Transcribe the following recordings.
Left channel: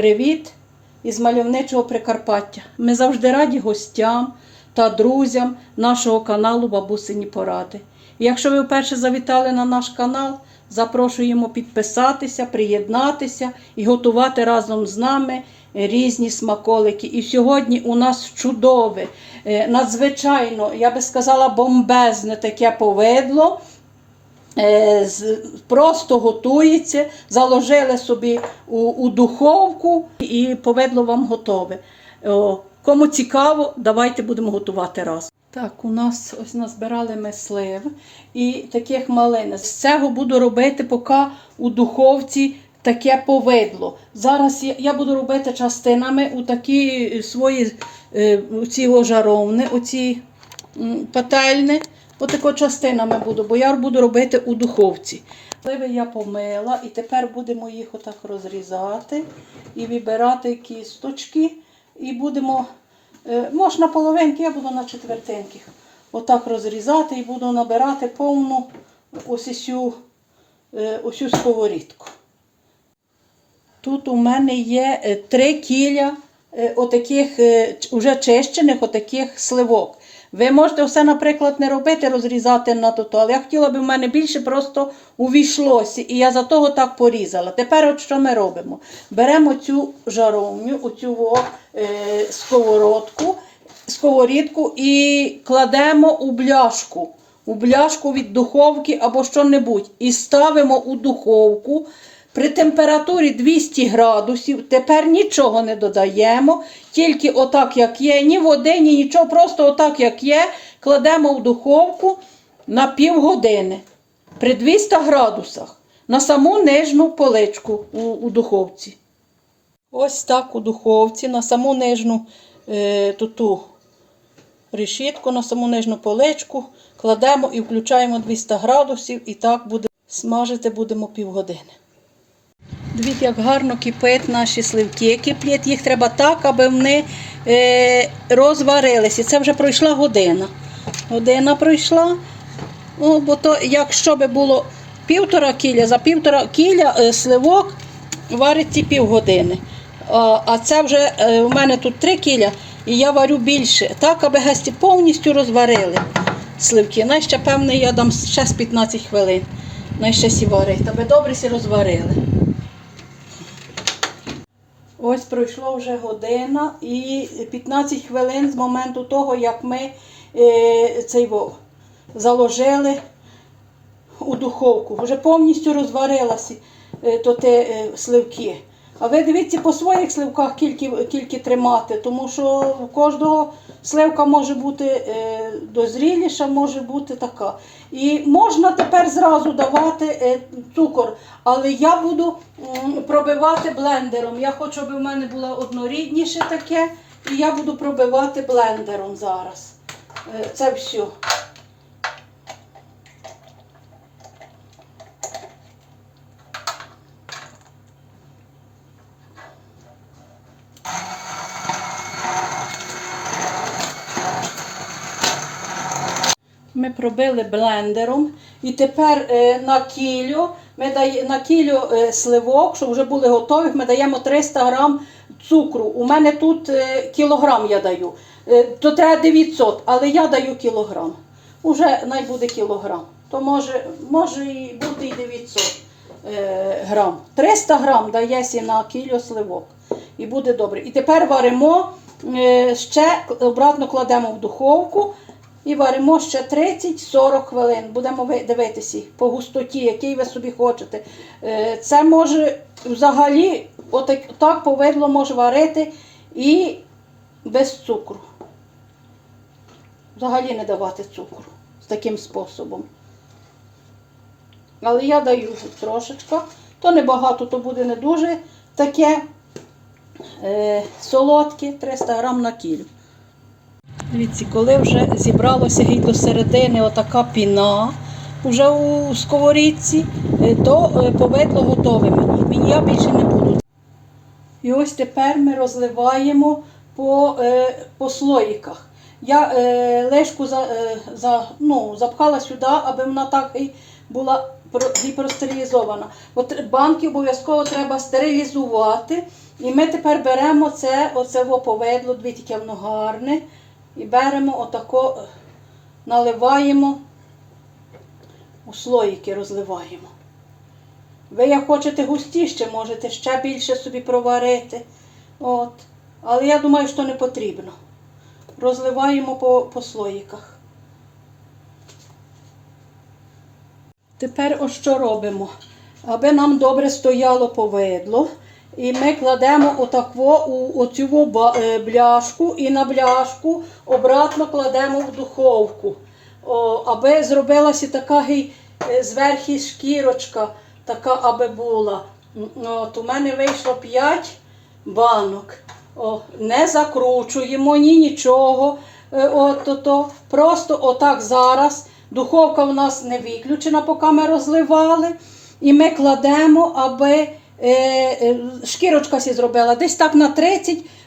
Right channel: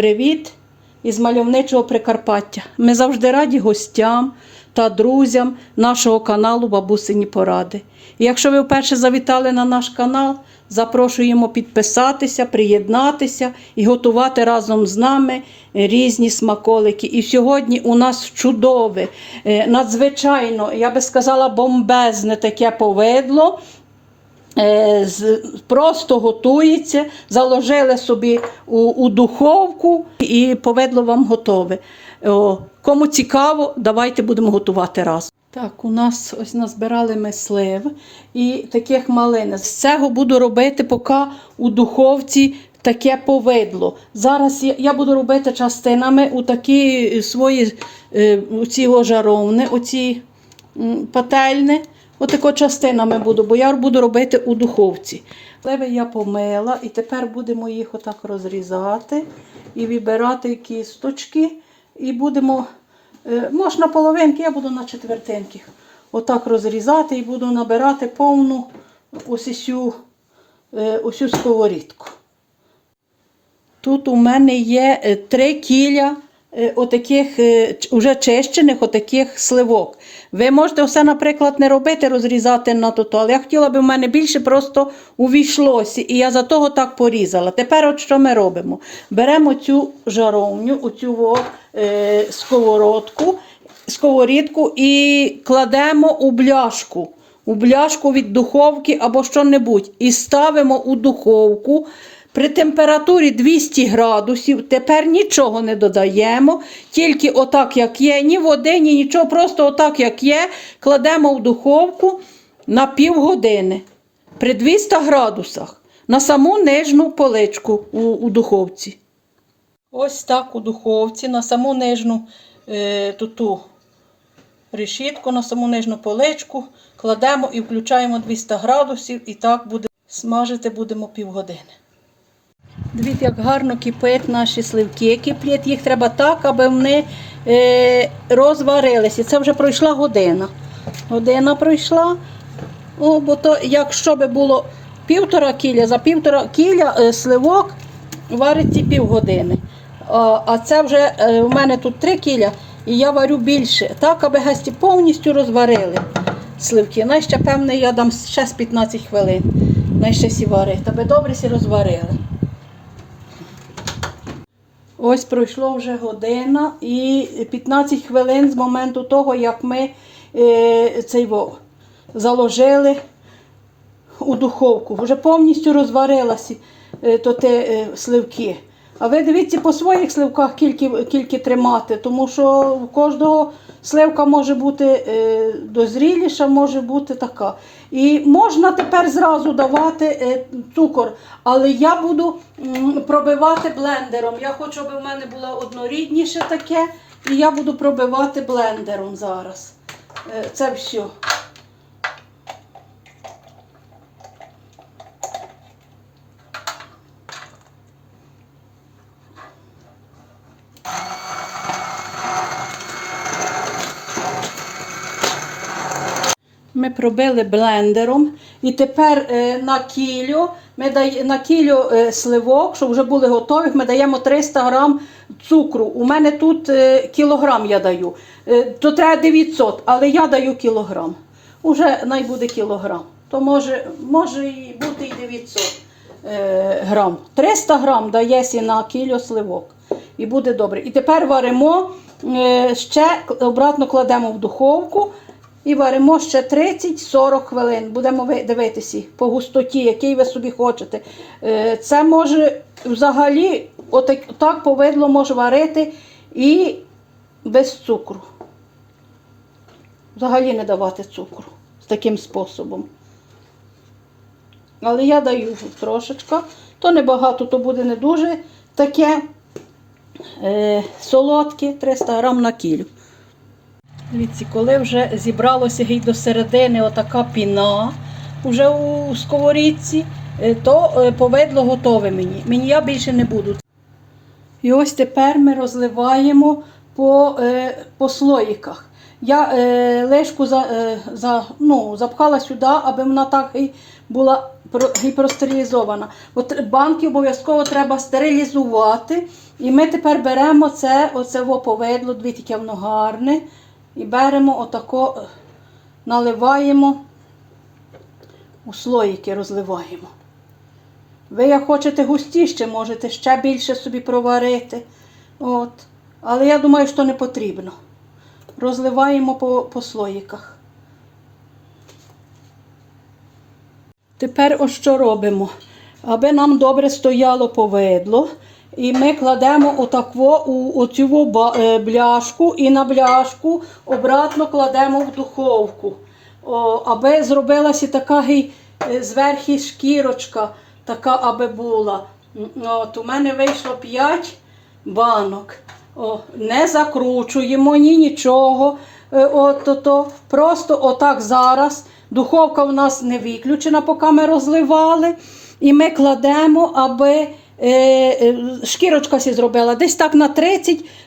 Привіт із мальовничого Прикарпаття. Ми завжди раді гостям та друзям нашого каналу Бабусині Поради. І якщо ви вперше завітали на наш канал, запрошуємо підписатися, приєднатися і готувати разом з нами різні смаколики. І сьогодні у нас чудове, е, надзвичайно, я би сказала, бомбезне таке повидло. Е, просто готується, заложили собі у, у духовку і повидло вам готове. О, кому цікаво, давайте будемо готувати разом. Так, у нас ось назбирали ми слив і таких малин. З цього буду робити поки у духовці таке повидло. Зараз я, буду робити частинами у такі свої е, оці ожаровни, оці м, пательни. Отако частинами буду, бо я буду робити у духовці. Сливи я помила і тепер будемо їх отак розрізати і вибирати кісточки. І будемо, е, можна половинки, я буду на четвертинки. Отак розрізати і буду набирати повну ось цю, е, сковорідку. Тут у мене є е, три кіля отаких е, уже чищених отаких сливок. Ви можете все, наприклад, не робити, розрізати на то, але я хотіла би в мене більше просто увійшлося, і я за того так порізала. Тепер от що ми робимо? Беремо цю жаровню, оцю е, сковородку, сковорідку і кладемо у бляшку. У бляшку від духовки або що-небудь. І ставимо у духовку. При температурі 200 градусів тепер нічого не додаємо, тільки отак, як є, ні води, ні нічого, просто отак, як є, кладемо в духовку на півгодини при 200 градусах на саму нижню поличку у, у духовці. Ось так у духовці на саму нижню е, ту решітку, на саму нижню поличку кладемо і включаємо 200 градусів, і так буде смажити будемо півгодини. Дивіться, як гарно кипить наші сливки. Киплять їх треба так, аби вони е, розварилися. Це вже пройшла година. Година пройшла. О, бо то, якщо би було півтора кіля, за півтора кіля е, сливок вариться півгодини. А, а це вже е, у мене тут три кіля, і я варю більше. Так, аби гості повністю розварили сливки. Най ще, певне, я дам ще з 15 хвилин. Най ще сі варить, аби добре сі розварили. Ось пройшло вже година і 15 хвилин з моменту того, як ми е, цей во, заложили у духовку. Вже повністю розварилися е, то те, е, сливки. А ви дивіться по своїх сливках кільки, кільки тримати, тому що у кожного сливка може бути е, дозріліша, може бути така. І можна тепер зразу давати е, цукор, але я буду пробивати блендером. Я хочу, аби в мене було однорідніше таке, і я буду пробивати блендером зараз. Е, це все. Ми пробили блендером. І тепер е, на кілю, ми дає, на кілю е, сливок, щоб вже були готові, ми даємо 300 грам цукру. У мене тут е, кілограм я даю. То треба 900, але я даю кілограм. Уже най буде кілограм. То може, може і бути і 900 е, грам. 300 грам дається на кілю сливок. І буде добре. І тепер варимо, ще обратно кладемо в духовку. І варимо ще 30-40 хвилин. Будемо дивитися по густоті, який ви собі хочете. Е, Це може взагалі отак, так повидло може варити і без цукру. Взагалі не давати цукру з таким способом. Але я даю трошечка. То небагато, то буде не дуже таке е, солодке, 300 грам на кілю. Дивіться, коли вже зібралося геть до середини отака піна вже у сковорідці, е, то е, повидло готове мені. Мені я більше не буду. І ось тепер ми розливаємо по, е, по слоїках. Я е, лишку за, е, за, ну, запхала сюди, аби вона так і була про- гіпростерилізована. От банки обов'язково треба стерилізувати І ми тепер беремо це, оце во повидло, дві таке воно гарне. І беремо отако, наливаємо у слоїки розливаємо. Ви як хочете густіше, можете ще більше собі проварити. От. Але я думаю, що не потрібно. Розливаємо по, по слоїках. Тепер ось що робимо? Аби нам добре стояло повидло. І ми кладемо отакво у оцю е, бляшку і на бляшку обратно кладемо в духовку. О, аби зробилася така гей, е, зверху шкірочка, така аби була. От, у мене вийшло 5 банок. О, не закручуємо ні нічого. Е, От, то, то. Просто отак зараз. Духовка у нас не виключена, поки ми розливали. І ми кладемо, аби шкірочка сі зробила десь так на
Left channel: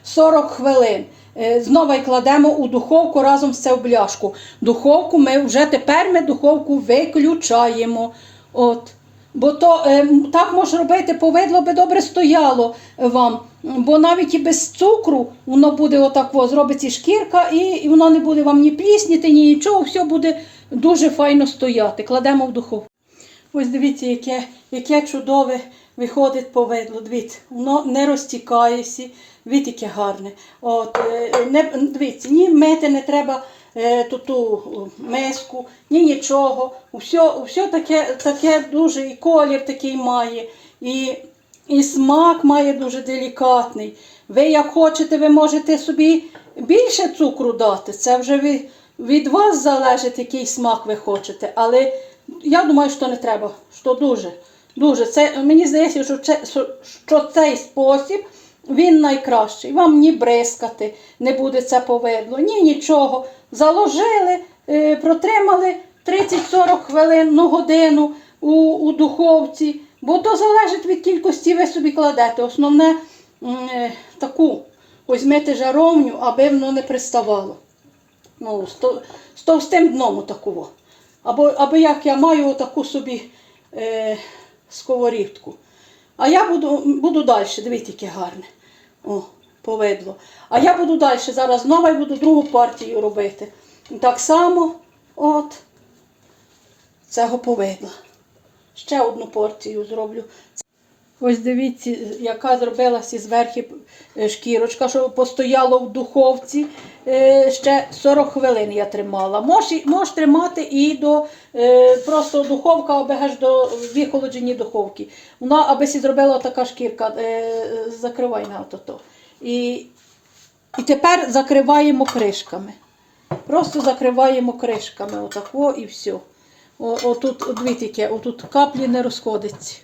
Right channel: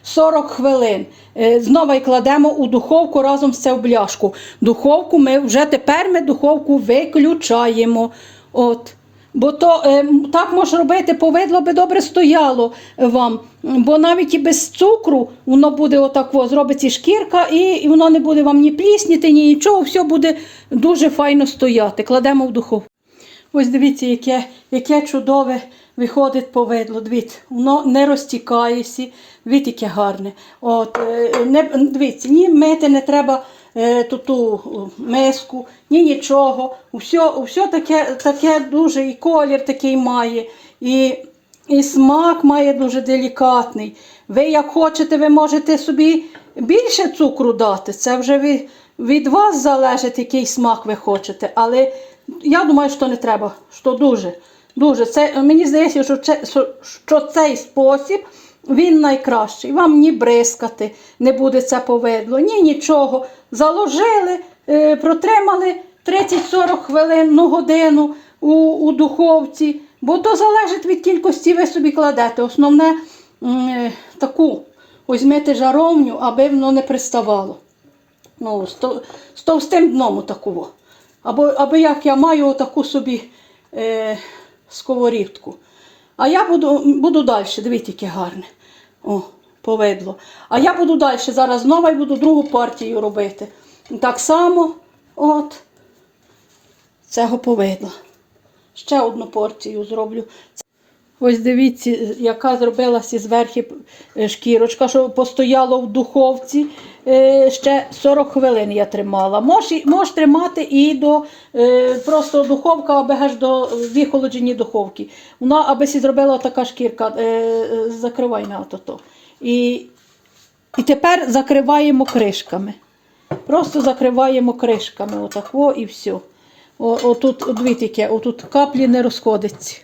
30-40 хвилин. Е, знову кладемо у духовку разом з це в бляшку. Духовку ми вже тепер ми духовку виключаємо. От. Бо то е, так може робити, повидло би добре стояло вам. Бо навіть і без цукру воно буде отак, о, зробиться шкірка, і, і воно не буде вам ні плісніти, ні нічого, все буде дуже файно стояти. Кладемо в духовку. Ось дивіться, яке, яке чудове виходить повидло. Дивіться, воно не розтікається, дивіться, яке гарне. От, е, не, дивіться, ні мити не треба е, ту, ту миску, ні нічого. Все, все таке, таке дуже і колір такий має, і, і смак має дуже делікатний. Ви як хочете, ви можете собі більше цукру дати. Це вже від, від вас залежить, який смак ви хочете. Але я думаю, що не треба, що дуже. Дуже. Це, мені здається, що, це, що цей спосіб він найкращий. Вам ні бризкати не буде це повидло, ні нічого. Заложили, е, протримали 30-40 хвилин, ну годину у, у духовці, бо то залежить від кількості ви собі кладете. Основне е, таку візьмете жаровню, аби воно не приставало. Ну, з, тов- з товстим дном такого. Або, або як я маю таку собі е, сковорідку. А я буду, буду далі, дивіться, яке гарне. О, повидло. А я буду далі зараз знову і буду другу партію робити. Так само, от, цього повидла. Ще одну порцію зроблю. Ось дивіться, яка зробилася зверху е, шкірочка, що постояло в духовці. Е, Ще 40 хвилин я тримала. Можеш, можеш тримати і до е, просто духовка, аби аж до вихолоджені духовки. Вона аби сі зробила така шкірка, закривай на то. І, і тепер закриваємо кришками. Просто закриваємо кришками, отако і все. О, отут, от дивіться, отут каплі не розходиться.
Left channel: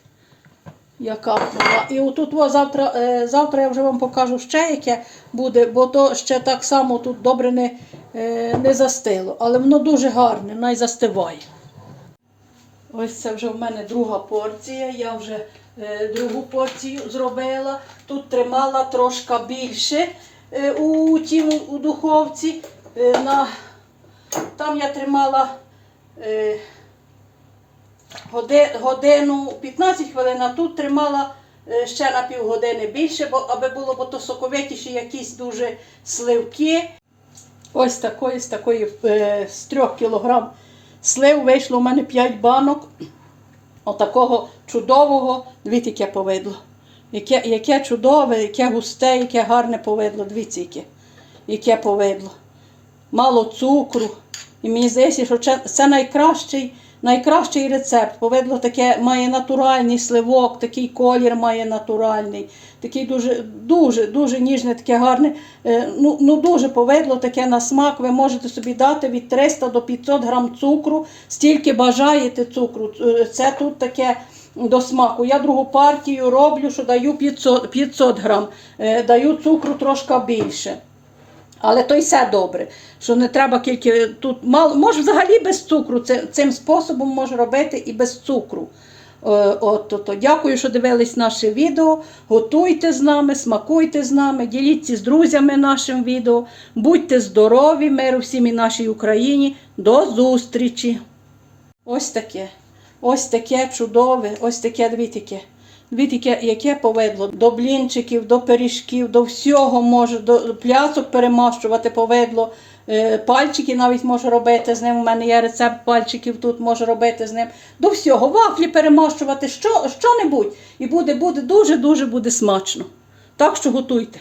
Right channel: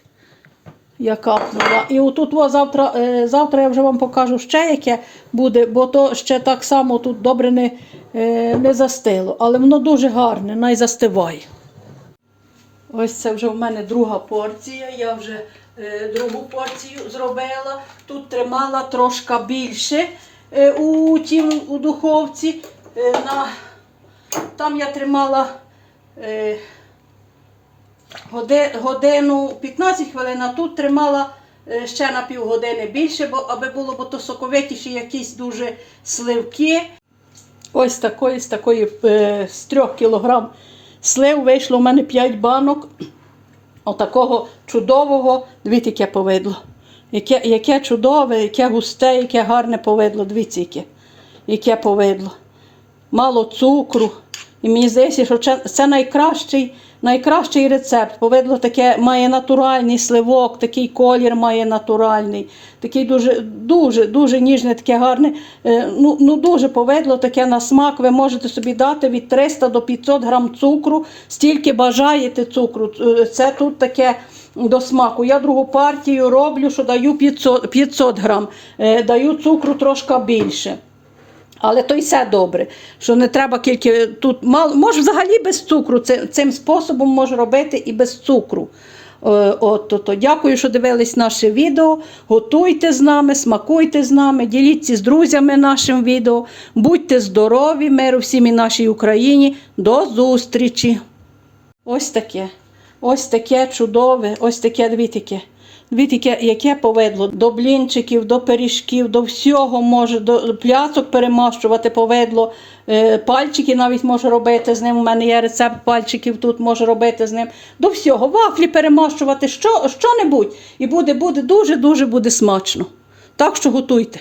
Я капнула. І отут о, завтра, е, завтра я вже вам покажу ще яке буде, бо то ще так само тут добре не, е, не застило. Але воно дуже гарне, най застиває. Ось це вже в мене друга порція. Я вже е, другу порцію зробила. Тут тримала трошки більше е, у, тій, у духовці. Е, на, там я тримала. Е, годину 15 хвилин, а тут тримала е, ще на півгодини більше, бо, аби було бо то соковитіші якісь дуже сливки. Ось такої, з такої е, з 3 кілограм слив вийшло у мене 5 банок. Отакого чудового, дивіться, яке повидло. Яке, яке чудове, яке густе, яке гарне повидло. Дивіться, яке, яке повидло. Мало цукру. І мені здається, що це найкращий, найкращий рецепт. Повидло таке має натуральний сливок, такий колір має натуральний, такий дуже, дуже, дуже ніжне, таке гарне. Е, Ну, ну дуже повидло таке на смак. Ви можете собі дати від 300 до 500 грам цукру, стільки бажаєте цукру. Е, Це тут таке. До смаку. Я другу партію роблю, що даю 500, 500 грам, Е, даю цукру трошки більше. Але то й все добре, що не треба тільки тут мало, може взагалі без цукру. Цим способом можна робити і без цукру. Е, От, то, то. Дякую, що дивились наше відео. Готуйте з нами, смакуйте з нами, діліться з друзями нашим відео. Будьте здорові, миру всім і нашій Україні. До зустрічі! Ось таке. Ось таке чудове, ось таке яке Дивіться, яке, яке повидло до блінчиків, до пиріжків, до всього може, до плясок перемащувати повидло, е, пальчики навіть може робити з ним. У мене є рецепт пальчиків тут може робити з ним. До всього, вафлі перемащувати, що, що-небудь. І буде, буде дуже-дуже буде смачно. Так що готуйте.